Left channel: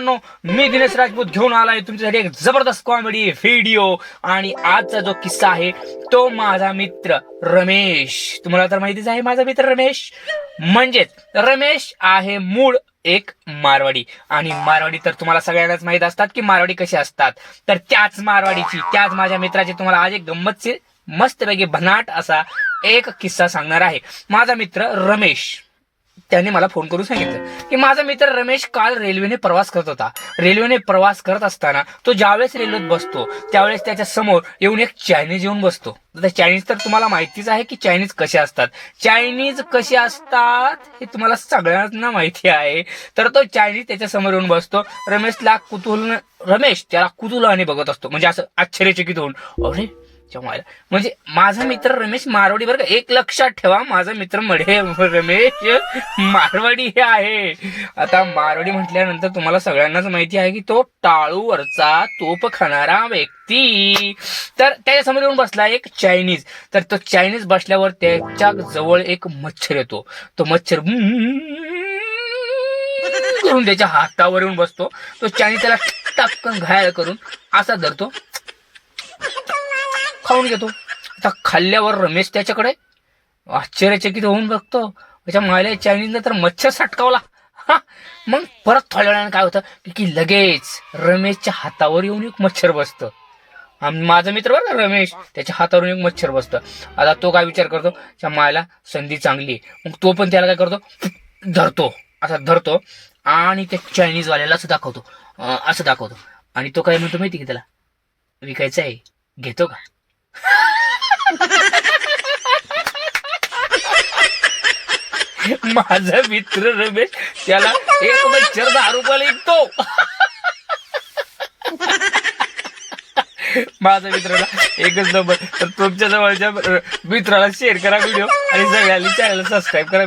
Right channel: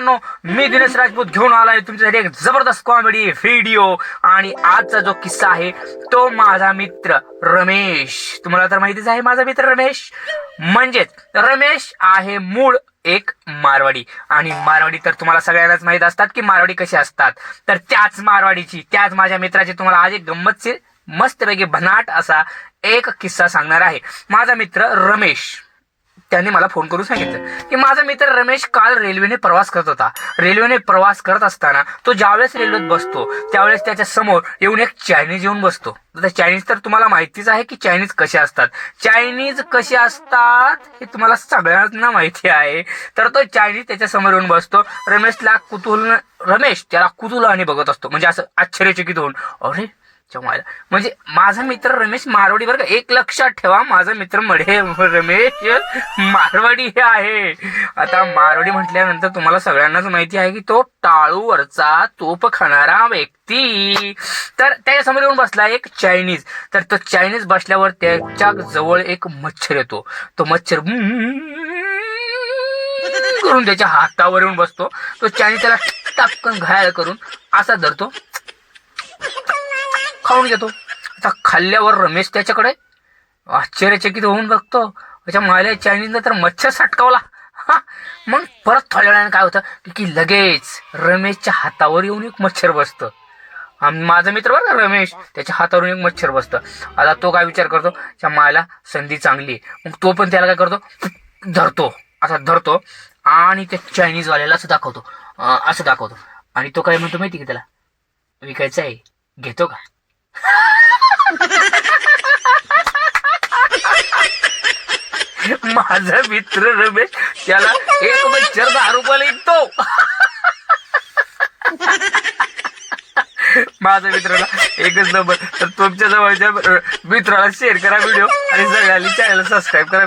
मित्रांनो, मी दिनेश राजपूत घेऊन आलोय तुमच्यासाठी एक जबरदस्त कॉमेडी व्हिडिओ. आणि आजचा जो किस्सा आहे तो माझा मित्र रमेश. तुम्हाला तर माहितीच आहे माझा मित्र रमेश. म्हणजेच रमेश आहे मूळ एक मारवाडी. आणि मारवाडी तर तुम्हाला सगळ्यांनाच माहित असतात की मारवाडी कशी असतात. तर त्याच मारवाडीची, त्याच माझ्या मित्राची तुम्हाला आज एक गंमतशीर मस्तपैकी भन्नाट असा एक किस्सा सांगणार आहे. माझा मित्र रमेश त्याने मला फोन करून सांगितलं की माझा मित्र रमेश काल रेल्वेने प्रवास करत होता. रेल्वेने प्रवास करत असताना तो ज्यावेळेस रेल्वेत बसतो त्यावेळेस त्याच्या समोर येऊन एक चायनीज येऊन बसतो. आता चायनीज तर तुम्हाला माहितीच आहे की चायनीज कसे असतात. चायनीज कसे असतात हे तुम्हाला सगळ्यांना माहिती आहे. तर तो चायनीज त्याच्या समोर येऊन बसतो. रमेश त्याला कुतूहलाने बघत असतो, म्हणजे असं आश्चर्यचकित होऊन, अरे म्हणजे माझा मित्र रमेश मारवाडी. बरं का, एक लक्षात ठेवा, माझा मित्र रमेश मारवाडी हे आहे. आता मारवाडी म्हटल्यानंतर तुम्हाला सगळ्यांनाच माहिती आहे की तो टाळूवरचा तोप खाणारा व्यक्ती. तर त्याच्यासमोर येऊन बसला एक चायनीज. तर तो चायनीज बसल्यावर त्याच्या जवळ एक मच्छर येतो. तो मच्छर करून त्याच्या हातावर येऊन बसतो. तो चायनीज त्याला टपकन घायल करून असा धरतो, खाऊन घेतो. आता खाल्ल्यावर रमेश त्याच्याकडे आश्चर्यचकित होऊन बघतो. त्याच्या मायला चायनीजला तर मच्छर सटकावला. मग परत थोड्या वेळाने काय होतं की लगेच रमेशच्या हातावर येऊन एक मच्छर बसतं. माझा मित्र बरं का रमेश, त्याच्या हातावरून एक मच्छर बसतं. आता तो काय विचार करतो, त्या मायला संधी चांगली. मग तो पण त्याला काय करतो, धरतो आणि त्या चायनीजवाल्याला असं दाखवतो. आणि तो काय म्हणतो माहिती की त्याला, विकायचं आहे, घेतो का? माझा मित्र रमेश त्याला एक मच्छर 10 रुपयाला विकतो. माझ्या मित्राला एकच नंबर. तर तुमच्या जवळच्या मित्राला शेअर करा व्हिडिओ आणि सगळ्यांनी चॅनल सबस्क्राईब करा.